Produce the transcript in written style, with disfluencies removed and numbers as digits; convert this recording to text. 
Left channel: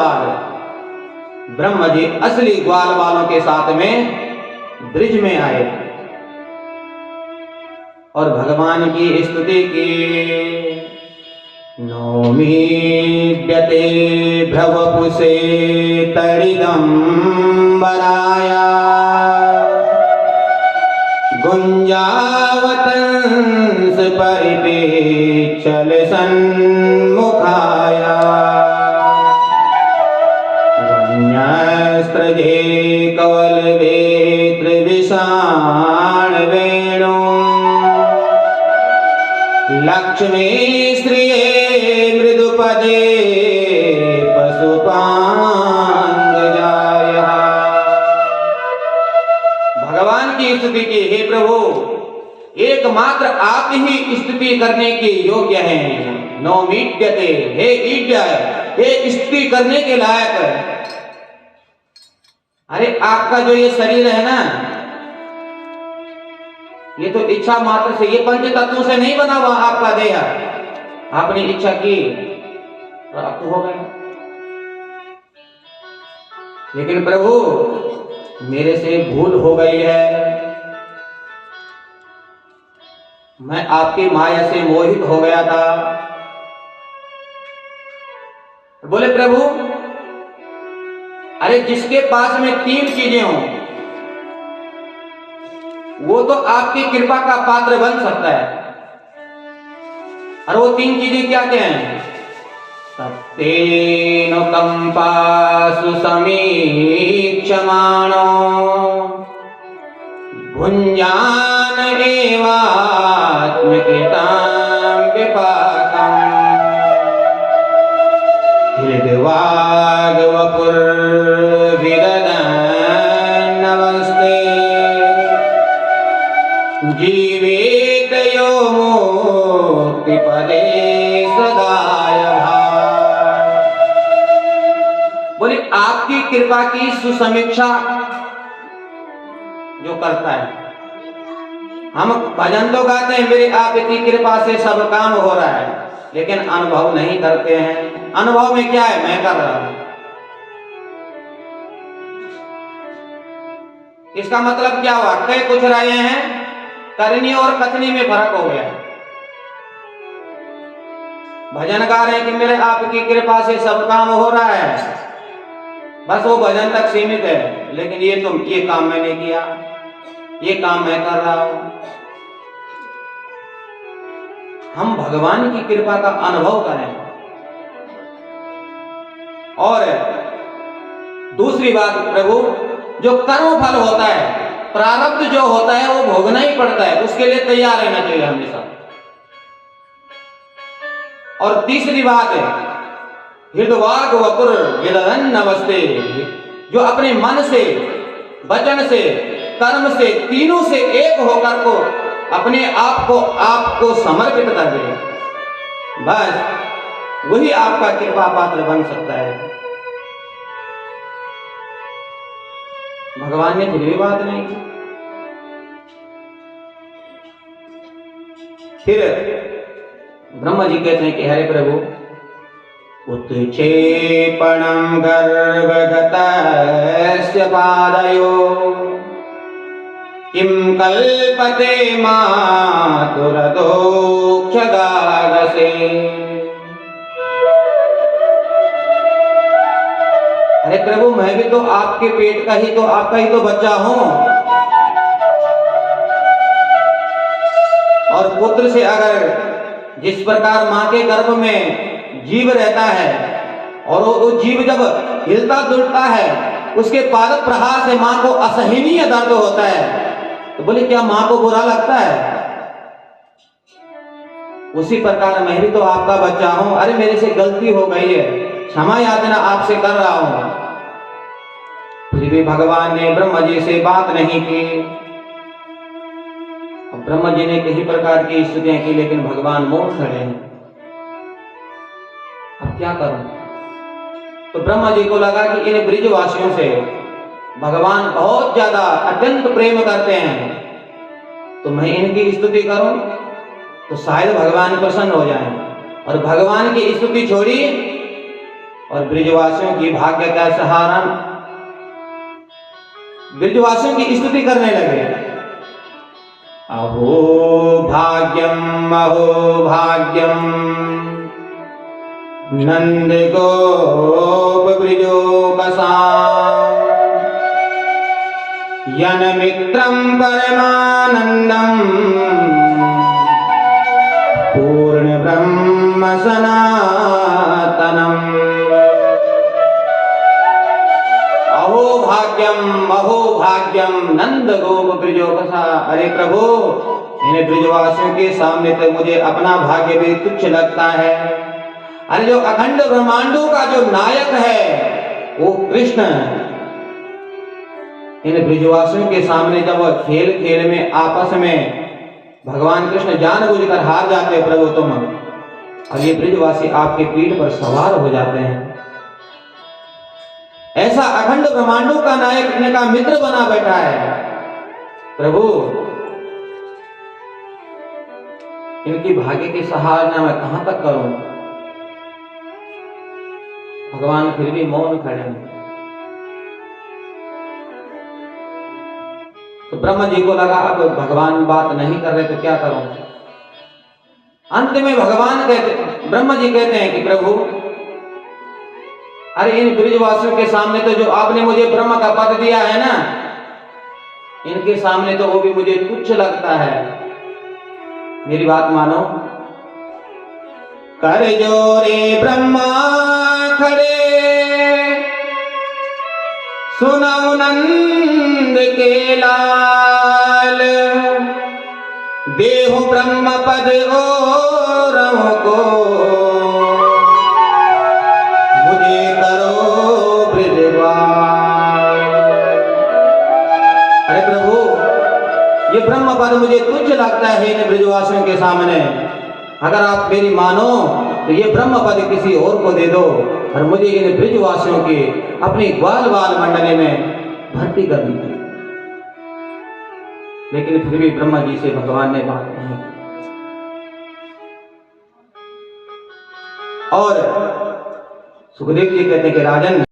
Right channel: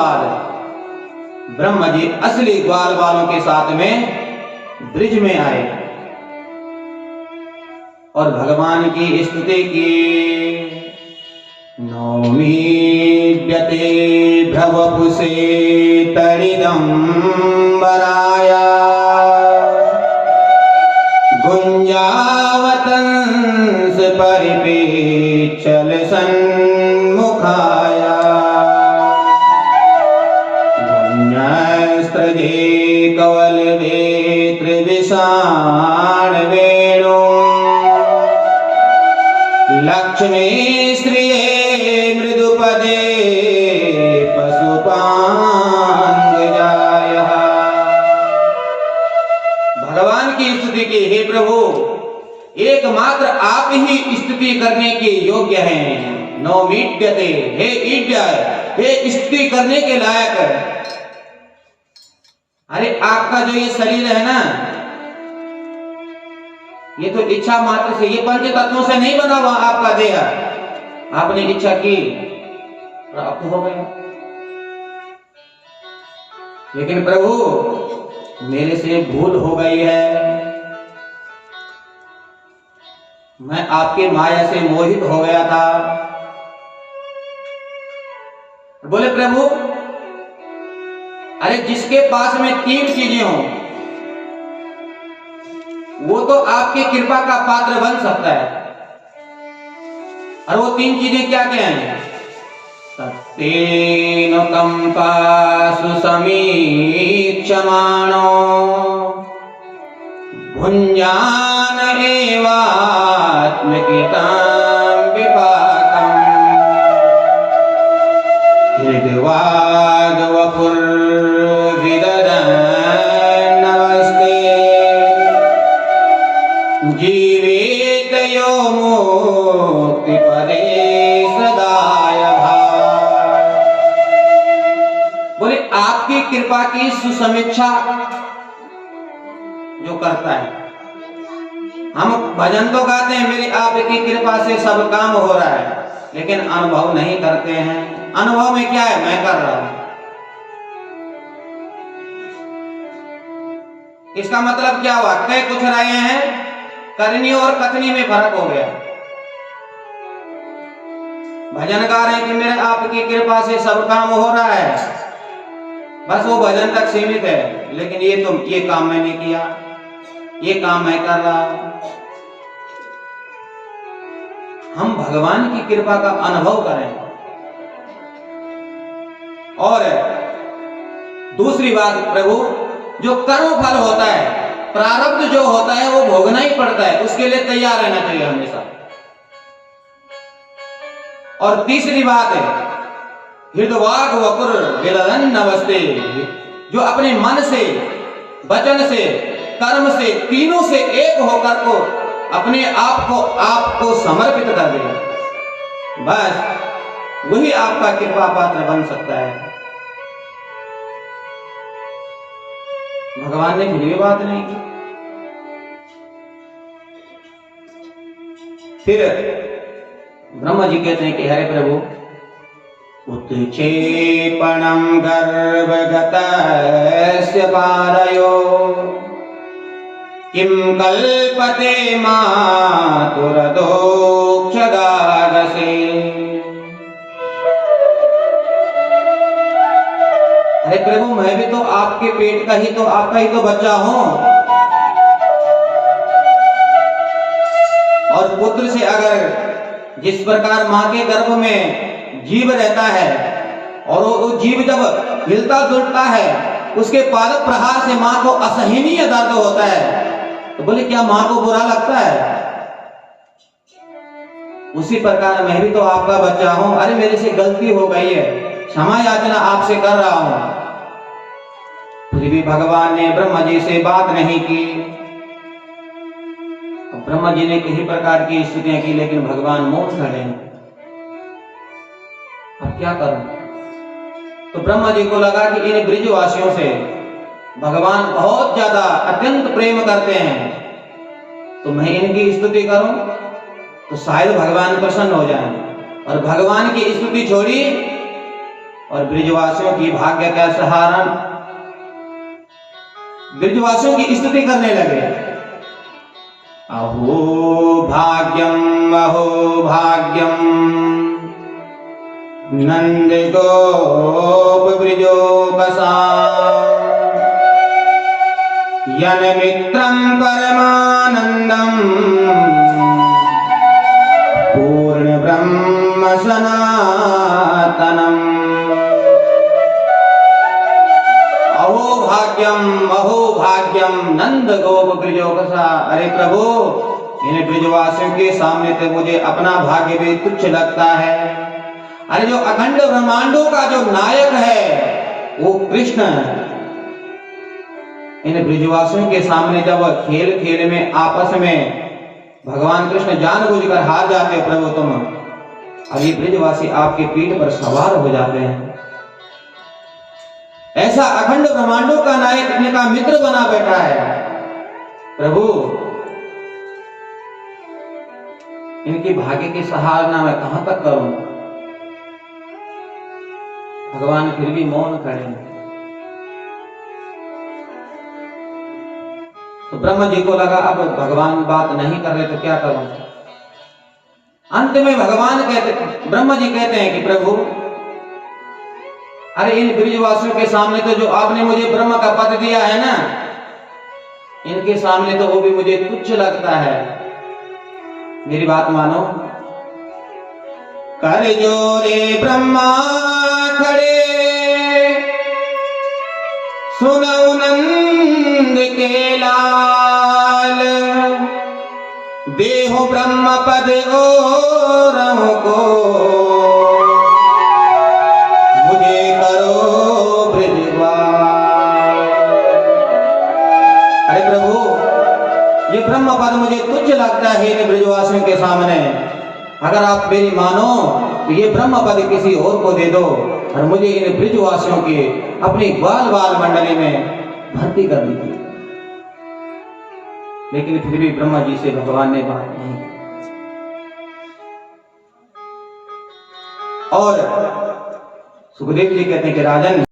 बाद ब्रह्म जी असली ग्वाल वालों के साथ में ब्रिज में आए और भगवान की स्तुति की। नौमीड्यते भ्रवपुषे तडिदम्बराय गुञ्जावतंस परिपेक्षल सन्मुखाय वन्यस्त्रजे कवलवेत्र विषाण वेणु लक्ष्मी श्रिये मृदुपदे पशुपांगजायः। भगवान की स्तुति की, हे प्रभु एकमात्र आप ही स्तुति करने के योग्य हैं। नौमीड्यते, हे ईड्य, हे स्तुति करने के लायक। अरे आपका जो ये शरीर है ना, ये तो इच्छा मात्र से, ये पंच तत्वों से नहीं बना हुआ आपका देह। आपने इच्छा की प्राप्त हो गया। लेकिन प्रभु मेरे से भूल हो गई है, मैं आपकी माया से मोहित हो गया था। बोले प्रभु अरे जिसके पास में 3 चीजें हों वो तो आपकी कृपा का पात्र बन सकता है। और वो 3 चीजें क्या क्या हैं? सत्येन कंपासु समीक्षमाणो भुञ्जान एवात्मकृतां विपाकम् हृद्वाग्वपुर्विदधन्नवस्ते जीवेत यो मुक्तिपदे सदाय भाव। बोले आपकी कृपा की सुसमीक्षा जो करता है, हम भजन तो गाते हैं मेरी आपकी कृपा से सब काम हो रहा है, लेकिन अनुभव नहीं करते हैं। अनुभव में क्या है? मैं कर रहा हूं। इसका मतलब क्या हुआ? कह कुछ रहे हैं, करनी और कथनी में फर्क हो गया। भजन गा रहे हैं कि मेरे आपकी कृपा से सब काम हो रहा है, बस वो भजन तक सीमित है। लेकिन ये काम मैंने किया, ये काम मैं कर रहा हूं। हम भगवान की कृपा का अनुभव करें। और दूसरी बात प्रभु, जो कर्म फल होता है, प्रारब्ध जो होता है वो भोगना ही पड़ता है, उसके लिए तैयार रहना चाहिए हमेशा। और तीसरी बात है हृदवाग वपुर विदधन्नवस्ते, जो अपने मन से, वचन से, कर्म से, तीनों से एक होकर को अपने आप को समर्पित कर दे, बस वही आपका कृपा पात्र बन सकता है। भगवान ने फिर भी बात नहीं की। फिर ब्रह्मा जी कहते हैं कि हरे प्रभु उत्क्षेपणं गर्भगतस्य पादयो किं कल्पते मातुरदोक्षगागसे। अरे प्रभु मैं भी तो आपके पेट का ही तो, आपका ही तो बच्चा हूं। और पुत्र से अगर जिस प्रकार मां के गर्भ में जीव रहता है और वो जीव जब हिलता जुलता है, उसके पाद प्रहार से मां को असहनीय दर्द होता है, तो बोले क्या मां को बुरा लगता है? उसी प्रकार मैं भी तो आपका बच्चा हूं। अरे मेरे से गलती हो गई है, क्षमा याचना आपसे कर रहा हूं। फिर भी भगवान ने ब्रह्मा जी से बात नहीं की। ब्रह्मा जी ने किसी प्रकार की स्तुतियां की, लेकिन भगवान मौन खड़े हैं। अब क्या करूं? तो ब्रह्मा जी को लगा कि इन ब्रिजवासियों से भगवान बहुत ज्यादा अत्यंत प्रेम करते हैं, तो मैं इनकी स्तुति करूं तो शायद भगवान प्रसन्न हो जाएं। और भगवान की स्तुति छोड़ी और ब्रिजवासियों की भाग्य का सहारा, ब्रिजवासियों की स्तुति करने लगे। अहो भाग्यम नंद गोप ब्रिजोपसा यन मित्रम परमानंदम पूर्ण ब्रह्म सनातनम। अहो भाग्यम नंद गोप ब्रिजोपसा। अरे प्रभु, इन ब्रिजवासियों के सामने तो मुझे अपना भाग्य भी तुच्छ लगता है। अरे जो अखंड ब्रह्मांडों का जो नायक है वो कृष्ण, इन ब्रिजवासियों के सामने जब खेल खेल में आपस में भगवान कृष्ण जानबूझकर हार जाते हो प्रभु तुम, और ये ब्रिजवासी आपके पीठ पर सवार हो जाते हैं। ऐसा अखंड ब्रह्मांडों का नायक इनका मित्र बना बैठा है। प्रभु, इनकी भाग्य की सराहना मैं कहां तक करूं? भगवान फिर भी मौन खड़े हैं। तो ब्रह्मा जी को लगा अब भगवान बात नहीं कर रहे तो क्या करूं। अंत में ब्रह्मा जी कहते हैं कि प्रभु, अरे इन ब्रिजवासियों के सामने तो जो आपने मुझे ब्रह्म का पद दिया है ना, इनके सामने तो वो भी मुझे तुच्छ लगता है। मेरी बात मानो। कर जोरे ब्रह्मा खड़े सुनौ नंद के लाल, देहो ब्रह्म पद और को मुझे करो ब्रिजवाल। अरे प्रभु, ये ब्रह्म पद मुझे तुच्छ लगता है इन ब्रिजवासियों के सामने। अगर आप मेरी मानो तो ये ब्रह्म पद किसी और को दे दो और मुझे इन ब्रिजवासियों के अपनी ग्वाल बाल मंडली में भर्ती कर दीजिए। लेकिन फिर भी ब्रह्मा जी से भगवान ने बात नहीं की। और सुखदेव जी कहते हैं कि राजन,